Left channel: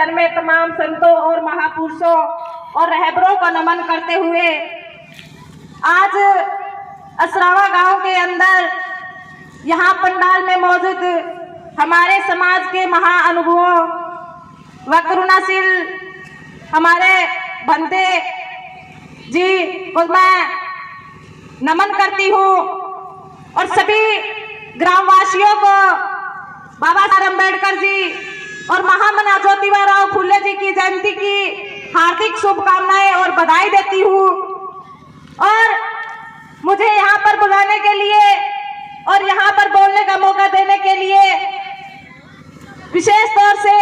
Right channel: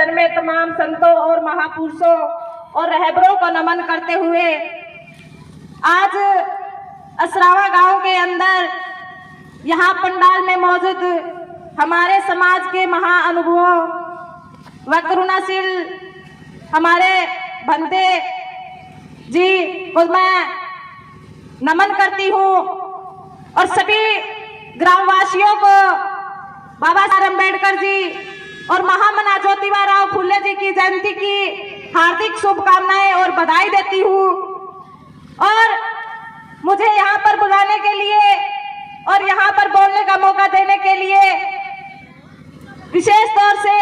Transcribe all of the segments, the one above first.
जन्मे तमाम संतों और महापुरुषों और रहबरों को नमन करते हुए आज असरावा गांव के अंदर यहाँ पंडाल में मौजूद हमारे समाज के महाअनुभवों व करुणाशील हमारे बंदे जी को मैं नमन करती हूँ और सभी ग्रामवासियों को बाबा साहब अम्बेडकर जी और महामना ज्योतिबा राव फुले जी की जयंती की हार्दिक शुभकामनाएं और बधाई देती हूँ। और मुझे यहाँ पर बुलाने के लिए और यहाँ पर बोलने का मौका देने के लिए विशेष तौर से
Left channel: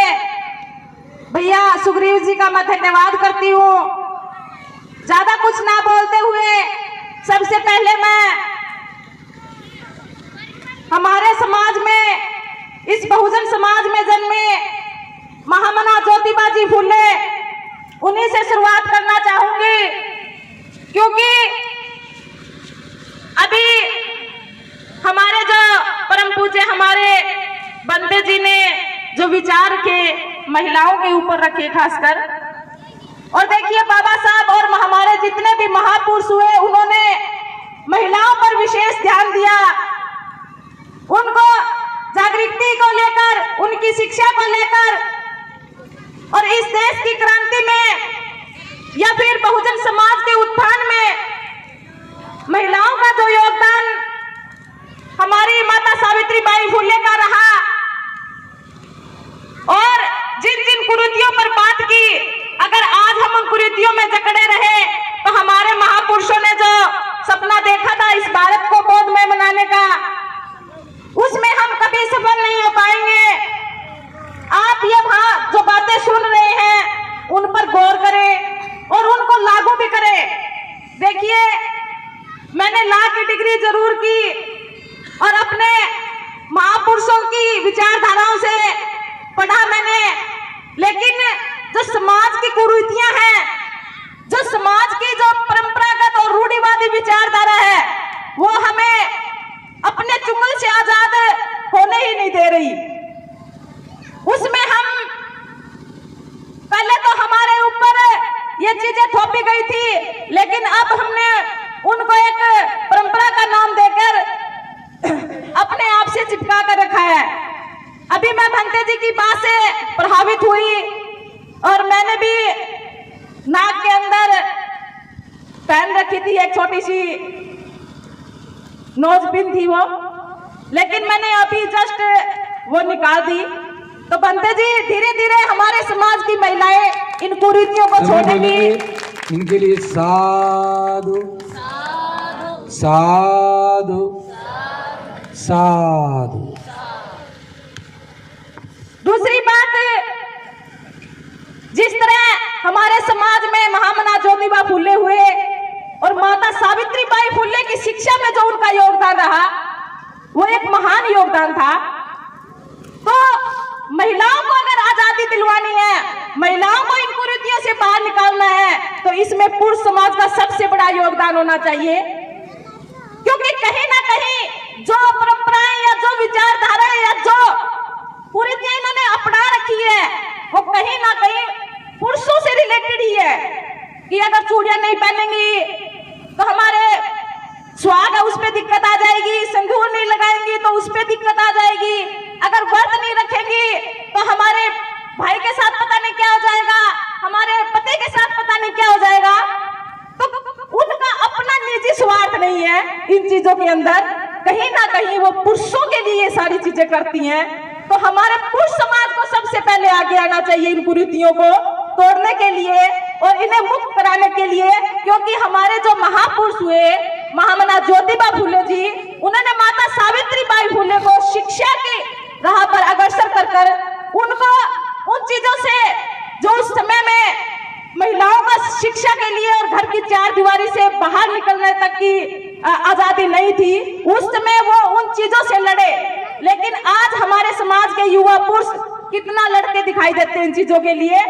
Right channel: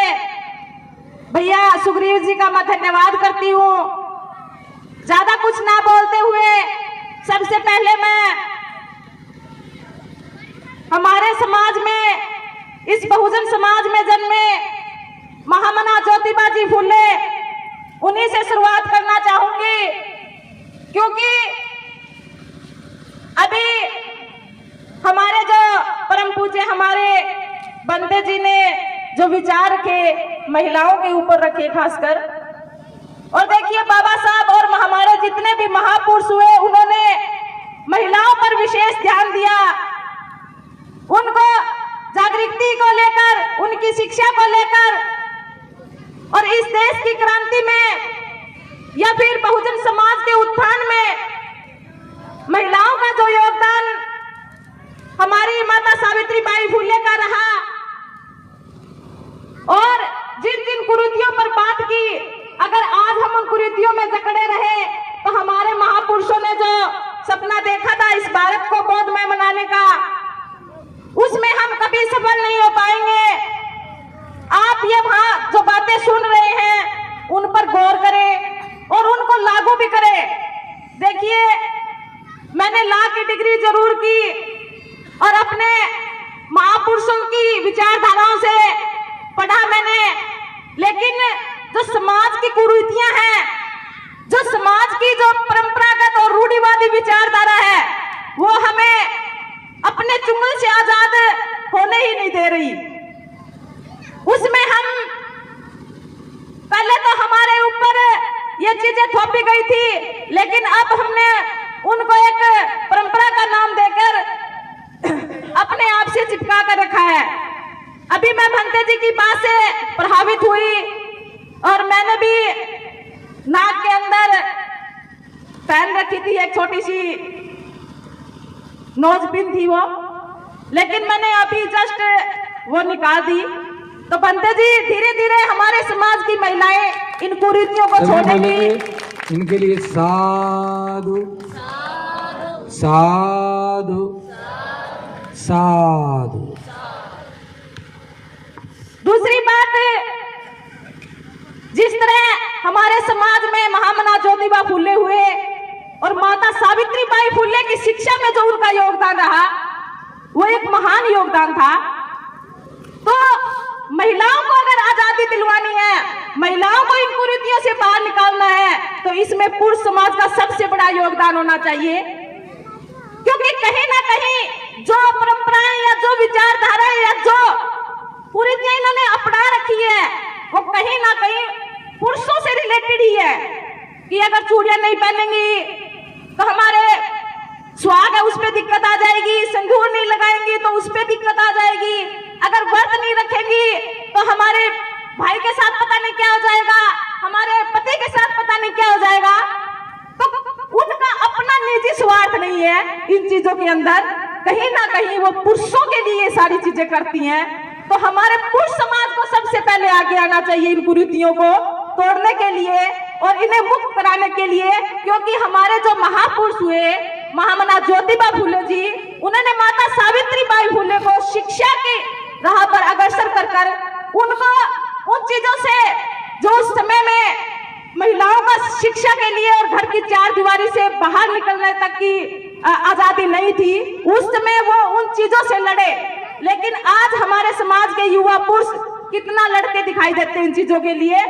भैया सुग्रीव जी का मैं धन्यवाद करती हूँ। ज्यादा कुछ ना बोलते हुए सबसे पहले मैं हमारे समाज में, इस बहुजन समाज में जन्मे महामना ज्योतिबा जी फुले, उन्हीं से शुरुआत करना चाहूंगी, क्योंकि अभी हमारे जो परम पूज्य हमारे बंदे जी ने जो विचार के महिलाओं के ऊपर रखे खासकर, और देखिए बाबा साहब और हमारे जितने भी महापुरुष हुए उन्होंने महिलाओं पर विशेष ध्यान दिया, उनको जागृति को लेकर, उनकी शिक्षा को लेकर, और इस देश की क्रांति में या फिर बहुजन समाज के उत्थान में महिलाओं का जो योगदान हमारी माता सावित्रीबाई फुले का रहा, और जिन जिन कुरीतियों पर बात की, अगर आज हम उन कुरीतियों में जकड़े रहे तो हमारे महापुरुषों ने जो सपना देखा था इस भारत को गोदमय बनाने का, उसमें हम कभी सफल नहीं हो पाएंगे। आप ये जो बातें सुन रहे हैं उन पर गौर करें और उनको लागू भी करें। देखिए, मैंने लॉ की डिग्री जरूर की और अपने महापुरुषों की विचारधाराओं से पढ़ा मैंने, लेकिन जो समाज की कुरीतियां हैं, जो समाज की जो परंपरागत और रूढ़िवादी विचारधारा है, वो हमें अपने चुंगल से आजाद होने ही नहीं दे रही। उसमें हम पहले तो हमारे ऊपर ये चीजें थोपी गई थी, लेकिन अब हमने उनको एक परंपरा का नाम देकर अपने आप से चिपका कर रखा है। अभी मैं भंते जी की बात से प्रभावित हुई और मैंने भी नाक के अंदर पहन रखी थी, एक छोटी सी नोज पिन थी वो, लेकिन मैंने अभी जस्ट वो निकाल दी। तो बंते जी, धीरे धीरे हमारे समाज की महिलाएं इन कुरीतियों को छोड़ेंगी। इनके लिए साधु साधु साधु। दूसरी बात, जिस तरह हमारे समाज में महामना ज्योतिबा फुले हुए और माता सावित्रीबाई फुले की शिक्षा में जो उनका योगदान रहा, वो एक महान योगदान था। तो महिलाओं को अगर आजादी दिलवानी है, महिलाओं को इन कुरीतियों से बाहर निकालना है, तो इसमें पुरुष समाज का सबसे बड़ा योगदान होना चाहिए। क्योंकि कहीं ना कहीं जो परंपराएं या जो विचारधारा या जो कुरीतियां इन्होंने अपना रखी है, वो कहीं ना कहीं पुरुषों से रिलेटेड ही है। कि अगर चूड़ियां नहीं पहनेंगी तो हमारे सुहाग है उस पर दिक्कत आ जाएगी, संगूर नहीं लगाएंगी तो उस पर दिक्कत आ जाएगी, अगर व्रत नहीं रखेंगी तो हमारे भाई के साथ पता नहीं क्या हो जाएगा, हमारे पति के साथ पता नहीं क्या हो जाएगा। तो उनका अपना निजी स्वार्थ नहीं है इन चीजों के अंदर, कहीं ना कहीं वो पुरुषों के लिए ये सारी चीजें करती हैं। तो हमारे पुरुष समाज को सबसे पहले आगे आना चाहिए इन कुरीतियों को तोड़ने के लिए और इन्हें मुक्त कराने के लिए, क्योंकि हमारे जो महापुरुष हुए महामना ज्योतिबा फुले जी, उन्होंने माता सावित्रीबाई फुले को शिक्षा की राह पर अग्रसर कर उनको उन चीजों से जो उस समय में महिलाओं का शिक्षा के लिए और घर की चार दीवारी से बाहर निकलने तक की आजादी नहीं थी, उस समय वो उन चीजों से लड़े। लेकिन आज हमारे समाज के युवा पुरुष कितना लड़के दिखाई देते हैं इन चीजों के लिए।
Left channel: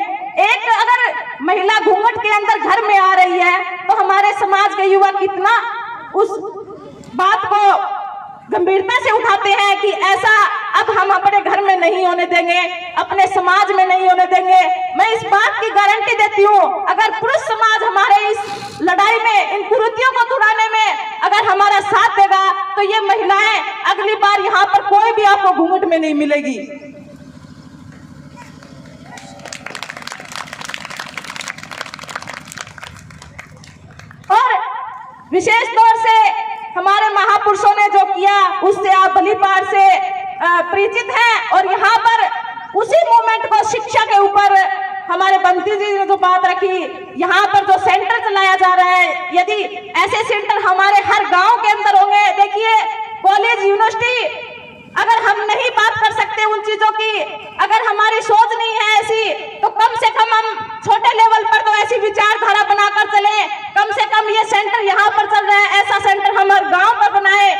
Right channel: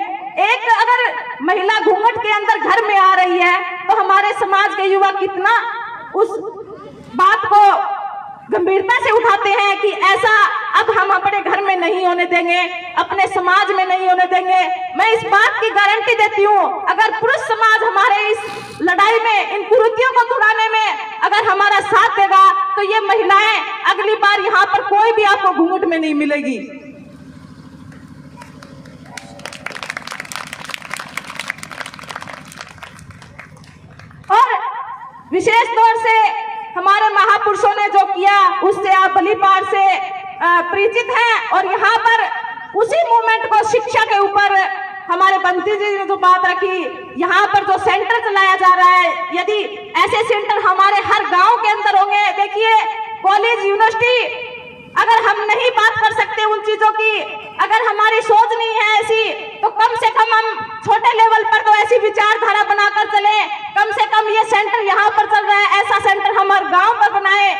एक अगर महिला घूंघट के अंदर घर में आ रही है तो हमारे समाज के युवा कितना उस बात को गंभीरता से उठाते हैं कि ऐसा अब हम अपने घर में नहीं होने देंगे, अपने समाज में नहीं होने देंगे। मैं इस बात की गारंटी देती हूँ, अगर पुरुष समाज हमारे इस लड़ाई में, इन कुरीतियों को छुड़ाने में अगर हमारा साथ देगा तो ये महिलाएं अगली बार यहाँ पर कोई भी आपको घूंघट में नहीं मिलेगी। और विशेष तौर से हमारे महापुरुषों ने जो किया उससे आप भली बार से परिचित हैं। और यहाँ पर उसी मूवमेंट को शिक्षा के ऊपर हमारे बंटी जी ने जो बात रखी, यहाँ पर जो सेंटर चलाया जा रहा है, यदि ऐसे सेंटर हमारे हर गांव के अंदर होंगे, देखिए कॉलेज यूनिवर्सिटी, अगर हम नहीं बात कर सकते उन चीजों की, अगर हमारी सोच नहीं है ऐसी, तो कम से कम हम छोटे लेवल पर तो ऐसी विचारधारा बनाकर चले। कम से कम ये सेंटर यहाँ पर चल रहा है, ऐसा सेंटर हम हर गांव पर बनाए।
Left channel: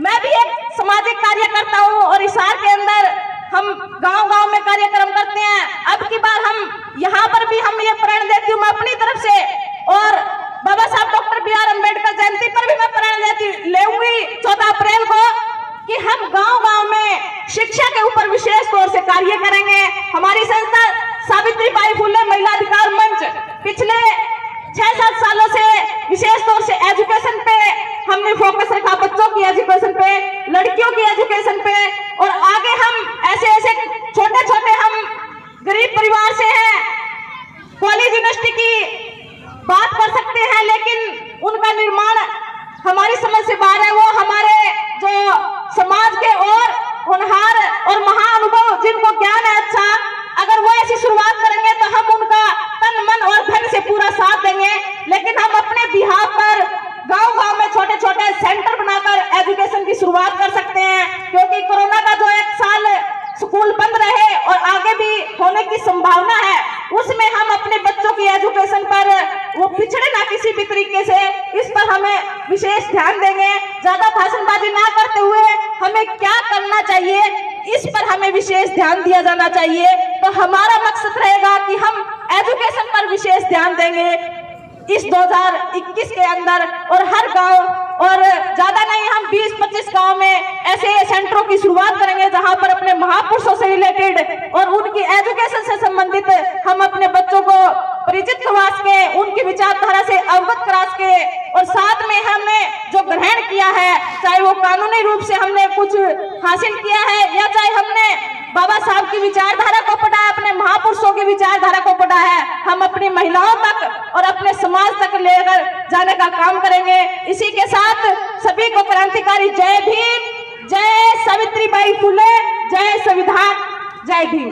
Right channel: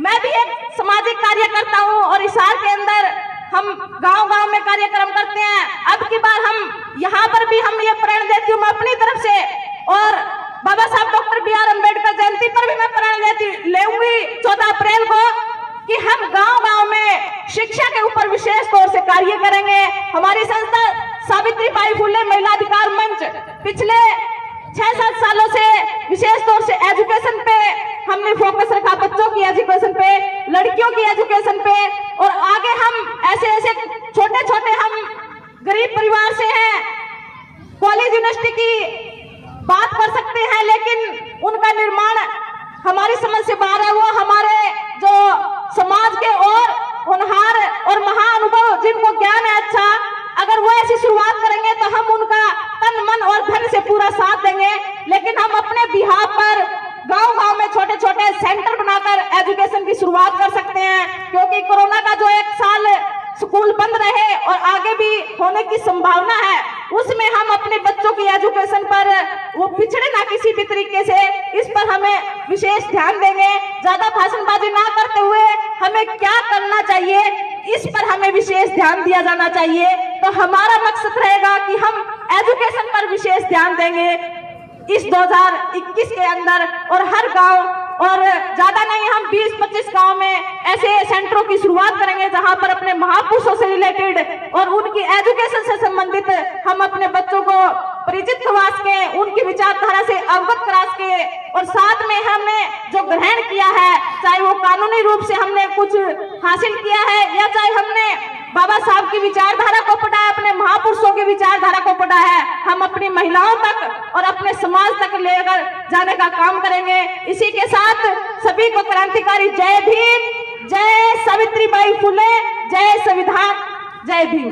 मैं भी एक सामाजिक कार्यकर्ता हूँ और हिसार के अंदर हम गांव-गांव में कार्यक्रम करते हैं। अब की बार हम यहाँ पर भी हम ये प्रण देती हूँ मैं अपनी तरफ से, और बाबा साहब डॉक्टर बी.आर. अम्बेडकर जयंती पर भी मैं प्रण लेऊंगी 14 अप्रैल को, कि हम गांव-गांव में शिक्षा के ऊपर विशेष तौर से कार्य करेंगे। हमारी संस्था सावित्री बाई फुले महिला अधिकार मंच पिछले 6-7 सालों से विशेष तौर से एजुकेशन पे हमने फोकस रखा, बच्चों की एजुकेशन पे, लड़कियों की एजुकेशन पे। और आगे हम ऐसे छोटे छोटे, हम गरीब परिवार से हैं, कॉलेज यूनिवर्सिटी की बात कर सकते हैं, लेकिन उनका निर्माण हमारी समझ से बाहर है। वो हमारे जो समाज के और होनहार और महाअनुभव जिनको ज्ञान है अच्छा, अगर वो ऐसी शुरुआत करेंगे तो हम उनका तन मन और धन से पूरा साथ देंगे। लेकिन हम अपने बिहार पर गांव-गांव में छोटे छोटे सेंटर बनाकर एजुकेशन की शुरुआत कर सकते हैं, क्योंकि कोरोना का जो 1 साल स्कूल बंद रहे और आगे भी होने की संभावना है, उसमें हम अपने बच्चों की एजुकेशन पर वो पिछड़े ना किसी भी तरीके से, इस पर हमें विशेष ध्यान देंगे। ज्यादा भाषणबाजी ना करते हुए हमें क्या करना चाहिए इस पर हमें विशेष ध्यान दिया जाना चाहिए। तो हमारा मकसद रहेगा कि हम एजुकेशन पर विशेष ध्यान देंगे इस 2021 के अंदर, और हर गांव, और ज्यादा नहीं, हम 20-25 गांव में ऐसे सेंटरों की शुरुआत करेंगे जहां पर अपने महापुरुषों से रिलेटेड और उनकी एजुकेशन से संबंधित हम अपने बच्चों को परिचित करवा के, उनकी विचारधारा से अवगत करा के, और साथ में हमने जो ग्रहण किया है, चाहे वो कानूनी रूप से हमने कुछ हासिल किया है या चाहे हमने बाबा साहब की विचारधारा को पढ़ा है, अपने महापुरुषों की विचारधारा को पढ़ा है, हम अपनी महिलाओं तक और अपने समाज तक लेकर जाने का काम करेंगे। इसी के साथ सभी को क्रांतिकारी जय भीम, जय सावित्री बाई फुले, जय संविधान, जय भीम।